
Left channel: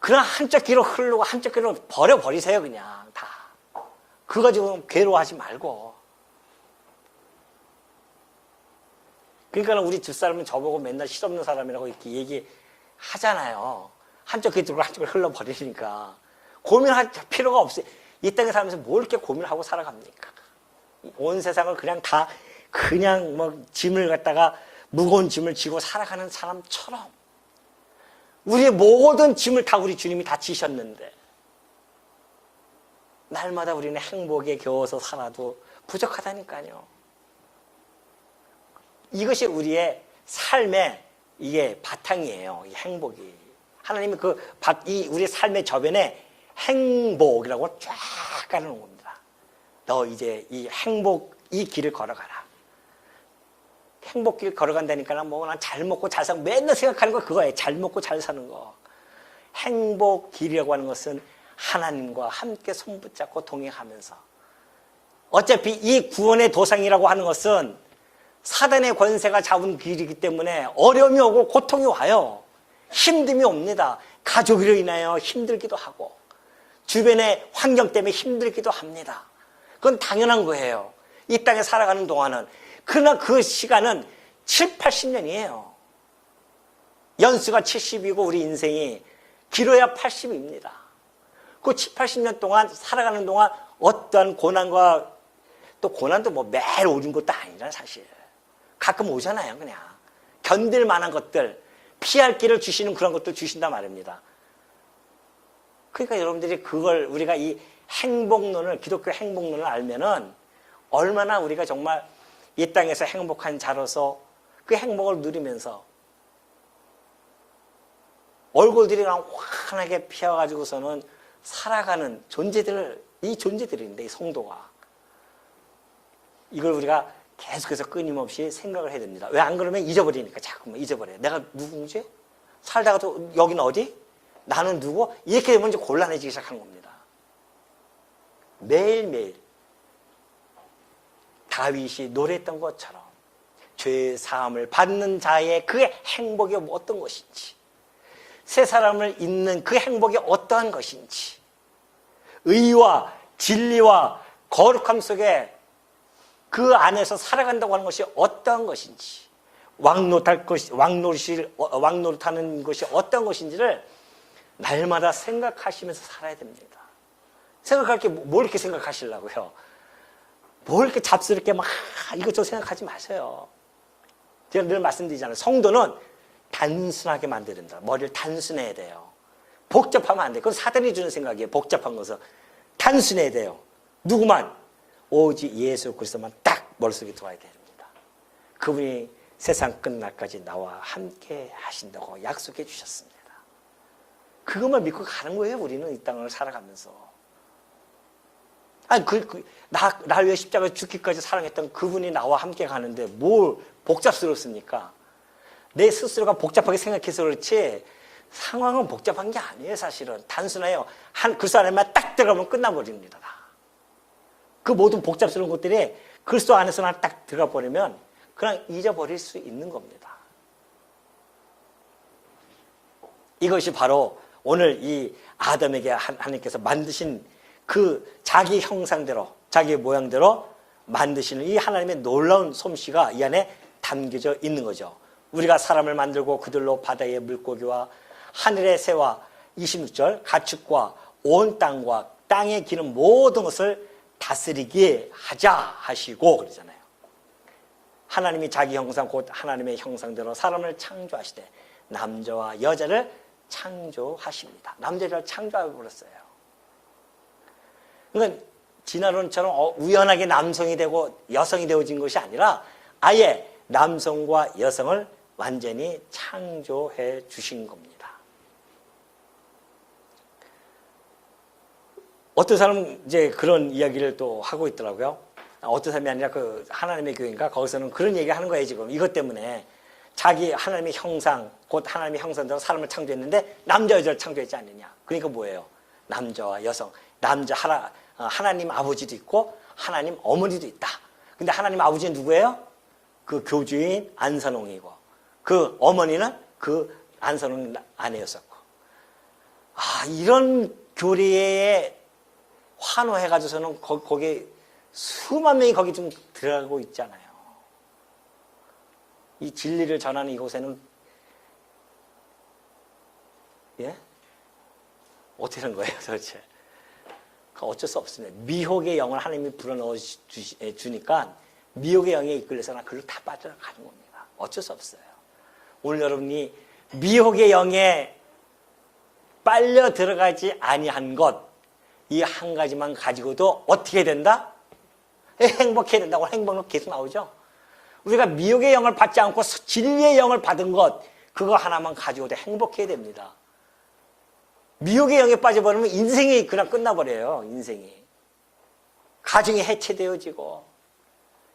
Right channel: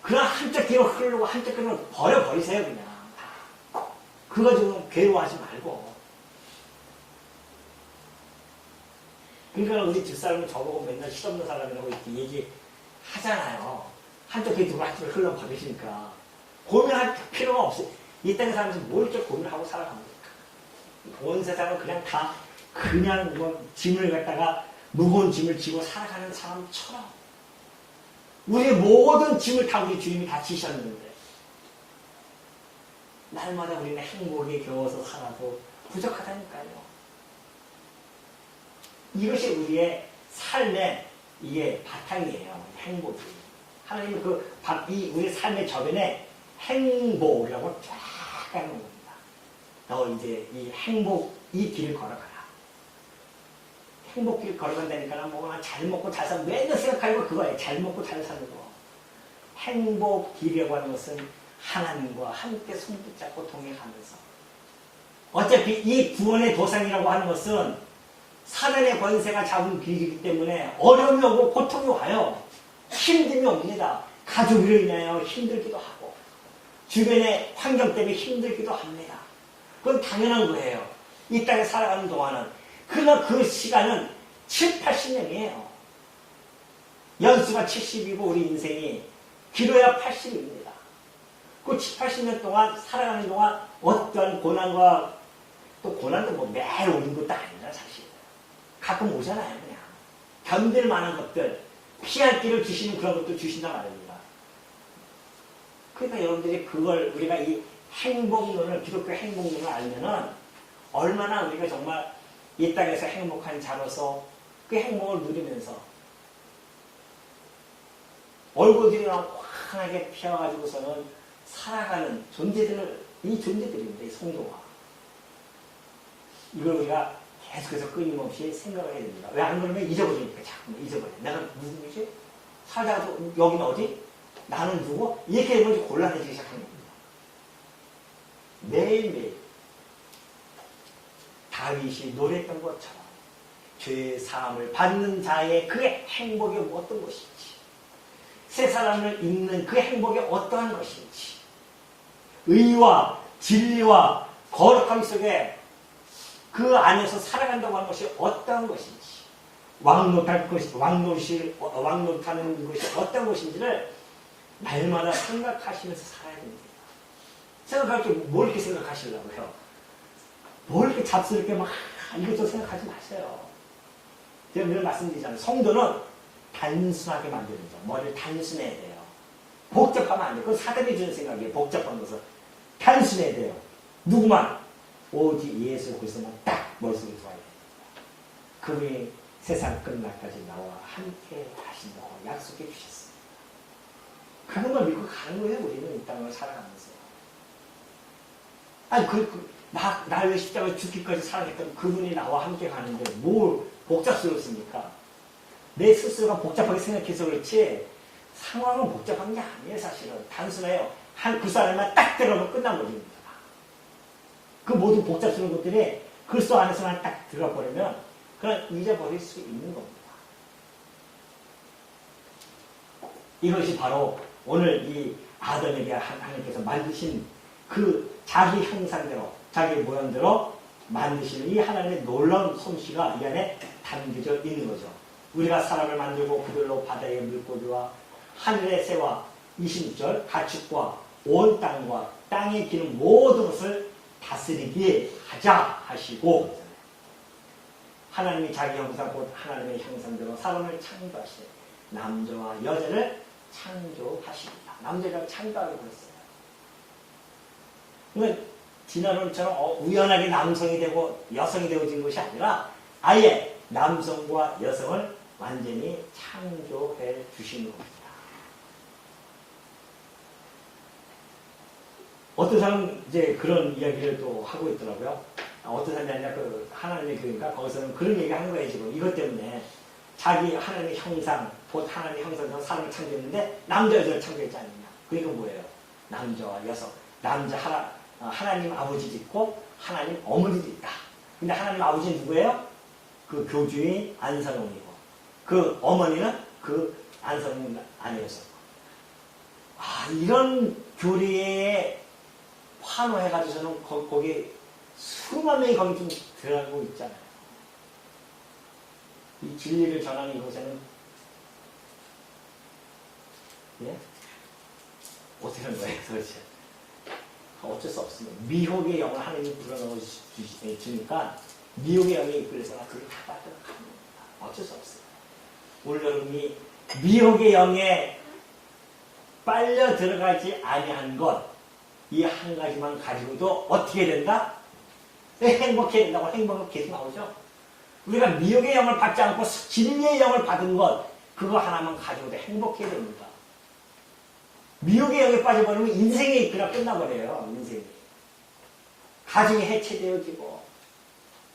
그냥 한쪽 길로 흐르고 한쪽 길로 버려버리세요. 그냥 다. 그거 가지고 괴로워하지 말고. 그러니까 우리 뒷사람은 저보고 맨날 실없는 사람이라고 이렇게 얘기하잖아요. 한쪽 귀 들고 한쪽 귀 흘러버리니까. 고민할 필요가 없어요. 이 땅에 살면서 뭘 이렇게 고민하고 살아갑니까? 온 세상을 그냥 다 그냥 뭐 짐을 갖다가 무거운 짐을 지고 살아가는 사람처럼 우리의 모든 짐을 다 우리 주님이 다 지셨는데 날마다 우리는 행복에 겨워서 살아도 부족하다니까요. 이것이 우리의 삶의 이게 바탕이에요. 이 행복이. 하나님은 이 우리 삶의 저변에 행복이라고 쫙 가는 겁니다. 너 이제 이 행복 이 길을 걸어가라. 행복길 걸어간다니까 뭐 난 잘 먹고 잘 사고 맨날 생각하는 거 그거예요. 잘 먹고 잘 사는 거. 행복길이라고 하는 것은 하나님과 함께 손붙잡고 동행하면서 어차피 이 구원의 도상이라고 하는 것은 사단의 권세가 잡은 길이기 때문에 어려움이 오고 고통이 와요. 힘듦이 옵니다. 가족으로 인하여 힘들기도 하고 주변의 환경 때문에 힘들기도 합니다. 그건 당연한 거예요. 이 땅에 살아가는 동안은. 그러나 그 시간은 7, 80년이에요. 연수가 70이고 우리 인생이 길어야 80입니다. 그 7, 80년 동안 살아가는 동안 어떠한 고난과 또 고난도 뭐 매일 오는 것도 아니라 사실. 가끔 오잖아요. 그냥. 견딜 만한 것들, 피할 길을 주시는 그런 것도 주신단 말입니다. 그러니까 여러분들이 그걸 우리가 이 행복론을, 기독교 행복론을 알면은 얼마나 우리가 정말 이 땅에서 행복한 자로서 그 행복을 누리면서 얼굴들이 환하게 피어가지고서는 살아가는 이 존재들인데, 이 성도가. 이걸 우리가 계속해서 끊임없이 생각을 해야 됩니다. 왜 안 그러면 잊어버리니까 자꾸만 잊어버려. 내가 누구지? 살다가도 여기는 어디? 나는 누구? 이렇게 되면 이제 곤란해지기 시작한 겁니다. 매일매일 다윗이 노래했던 것처럼 죄의 사함을 받는 자의 그 행복이 어떤 것인지, 새 사람을 잇는 그 행복이 어떠한 것인지, 의와 진리와 거룩함 속에 그 안에서 살아간다고 하는 것이 어떠한 것인지, 왕노릇하는 것이 어떤 것인지를 날마다 생각하시면서 살아야 됩니다. 생각할 게 뭘 이렇게 생각하시려고요? 뭘 이렇게 잡스럽게 막 이것저것 생각하지 마세요. 제가 늘 말씀드리잖아요. 성도는 단순하게 만들어야 된다. 머리를 단순해야 돼요. 복잡하면 안 돼요. 그건 사단이 주는 생각이에요. 복잡한 것은. 단순해야 돼요. 누구만? 오직 예수 그리스도만 딱 머릿속에 들어와야 됩니다. 그분이 세상 끝날까지 나와 함께 하신다고 약속해 주셨습니다. 그것만 믿고 가는 거예요. 우리는 이 땅을 살아가면서. 아니 나를 위해 십자가에 죽기까지 사랑했던 그분이 나와 함께 가는데 뭘 복잡스럽습니까? 내 스스로가 복잡하게 생각해서 그렇지 상황은 복잡한 게 아니에요. 사실은 단순해요. 한 그리스도 안에만 딱 들어가면 끝나버립니다. 그 모든 복잡스러운 것들이 그리스도 안에서만 딱 들어가 버리면 그냥 잊어버릴 수 있는 겁니다. 이것이 바로 오늘 이 아담에게 하나님께서 만드신 그 자기 형상대로 자기 모양대로 만드시는 이 하나님의 놀라운 솜씨가 이 안에 담겨져 있는 거죠. 우리가 사람을 만들고 그들로 바다의 물고기와 하늘의 새와 26절 가축과 온 땅과 땅에 기는 모든 것을 다스리게 하자 하시고 그러잖아요. 하나님이 자기 형상 곧 하나님의 형상대로 사람을 창조하시되 남자와 여자를 창조하십니다. 남자를 창조하고 그랬어요. 그러니까 진화론처럼 우연하게 남성이 되고 여성이 되어진 것이 아니라 아예 남성과 여성을 완전히 창조해 주신 겁니다. 어떤 사람은 이제 그런 이야기를 또 하고 있더라고요. 어떤 사람이 아니라 그 하나님의 교회인가 거기서는 그런 얘기 하는 거예요. 지금 이것 때문에 자기 하나님의 형상 곧 하나님의 형상대로 사람을 창조했는데 남자 여자를 창조했지 않느냐. 그러니까 뭐예요? 남자와 여성 남자 하나님 아버지도 있고 하나님 어머니도 있다. 근데 하나님 아버지는 누구예요? 그 교주인 안선홍이고 그 어머니는 그 안선홍 아내였었고 이런 교리에 환호해가지고서는 거기 수만 명이 거기 좀 들어가고 있잖아요. 이 진리를 전하는 이곳에는 어떻게 하는 거예요 도대체? 어쩔 수 없습니다. 미혹의 영을 하나님이 불어넣어 주니까 미혹의 영에 이끌려서는 그걸 다 빠져가는 겁니다. 어쩔 수 없어요. 오늘 여러분이 미혹의 영에 빨려 들어가지 아니한 것 이 한 가지만 가지고도 어떻게 된다? 행복해야 된다고 행복은 계속 나오죠. 우리가 미혹의 영을 받지 않고 진리의 영을 받은 것 그거 하나만 가지고도 행복해야 됩니다. 미혹의 영에 빠져버리면 인생이 그냥 끝나버려요. 인생이. 가정이 해체되어지고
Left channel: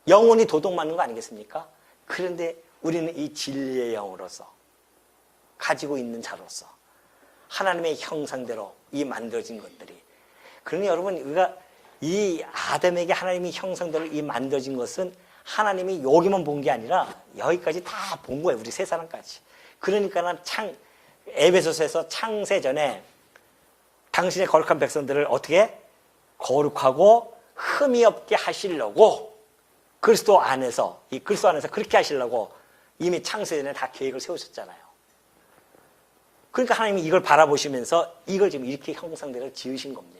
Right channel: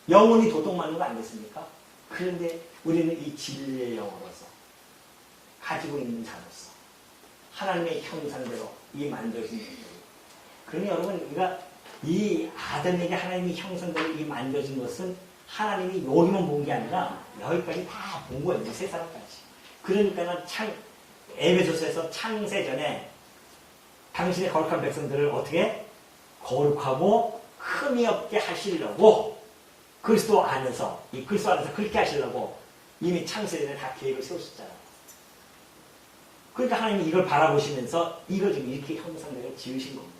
영혼이 도둑맞는 거 아니겠습니까? 그런데 우리는 이 진리의 영으로서 가지고 있는 자로서 하나님의 형상대로 이 만들어진 것들이 그러니 여러분 우리가 이 아담에게 하나님의 형상대로 이 만들어진 것은 하나님이 여기만 본 게 아니라 여기까지 다 본 거예요. 우리 세 사람까지. 그러니까는 에베소서에서 창세 전에 당신의 거룩한 백성들을 어떻게 거룩하고 흠이 없게 하시려고 그리스도 안에서 그렇게 하시려고 이미 창세 전에 다 계획을 세우셨잖아요. 그러니까 하나님이 이걸 바라보시면서 이걸 지금 이렇게 형상대로 지으신 겁니다.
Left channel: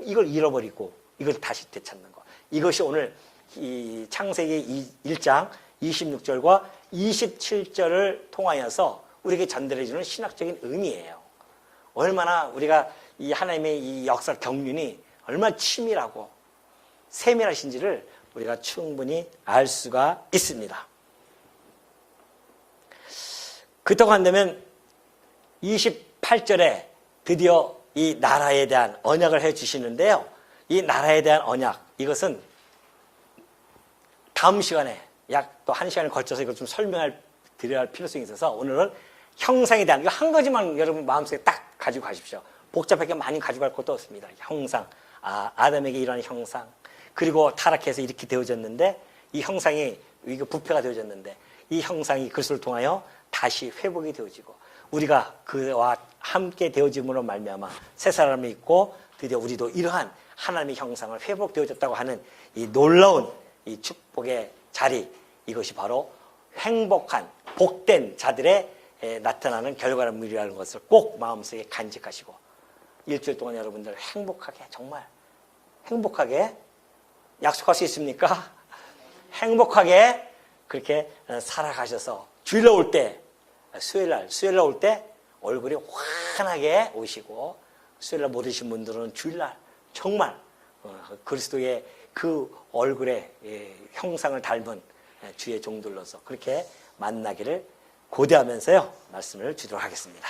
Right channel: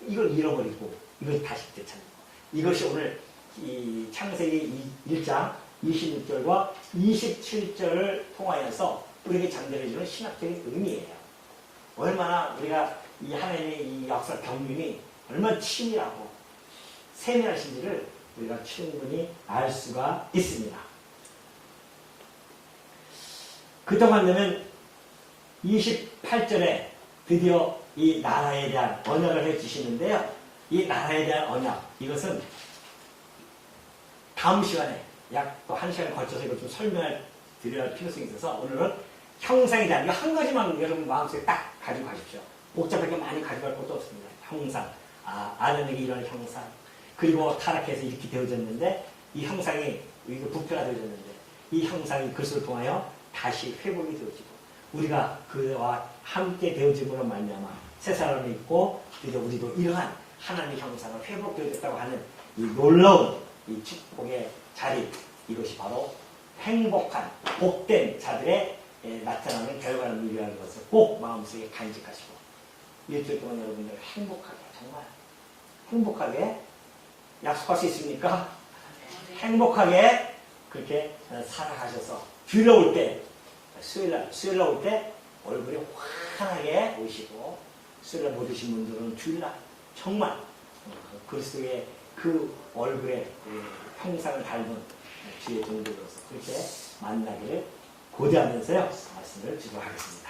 이걸 잃어버리고 이걸 다시 되찾는 거. 이것이 오늘 이 창세기 1장 26절과 27절을 통하여서 우리에게 전달해주는 신학적인 의미예요. 얼마나 우리가 이 하나님의 이 역사 경륜이 얼마나 치밀하고 세밀하신지를 우리가 충분히 알 수가 있습니다. 그동안 되면 28절에 드디어 이 나라에 대한 언약을 해주시는데요. 이 나라에 대한 언약, 이것은 다음 시간에 약 또 1시간을 걸쳐서 이걸 좀 드려야 할 필요성이 있어서 오늘은 형상에 대한 이거 한 가지만 여러분 마음속에 딱 가지고 가십시오. 복잡하게 많이 가져갈 것도 없습니다. 형상, 아담에게 이런 형상, 그리고 타락해서 이렇게 되어졌는데 이 형상이 이거 부패가 되어졌는데 이 형상이 그리스도를 통하여 다시 회복이 되어지고 우리가 그와 함께 되어짐으로 말미암아 새 사람이 있고 드디어 우리도 이러한 하나님의 형상을 회복되어졌다고 하는 이 놀라운 이 축복의 자리, 이것이 바로 행복한 복된 자들의 나타나는 결과물이라는 것을 꼭 마음속에 간직하시고 일주일 동안 여러분들 행복하게, 정말 행복하게 약속할 수 있습니까? 행복하게 그렇게 살아가셔서 주일날 올 때, 수요일날 올 때 얼굴이 환하게 오시고, 수요일날 못 오신 분들은 주일날 정말 그리스도의 그 얼굴의 형상을 닮은 주의 종들로서 그렇게 만나기를 고대하면서요 말씀을 드리도록 하겠습니다.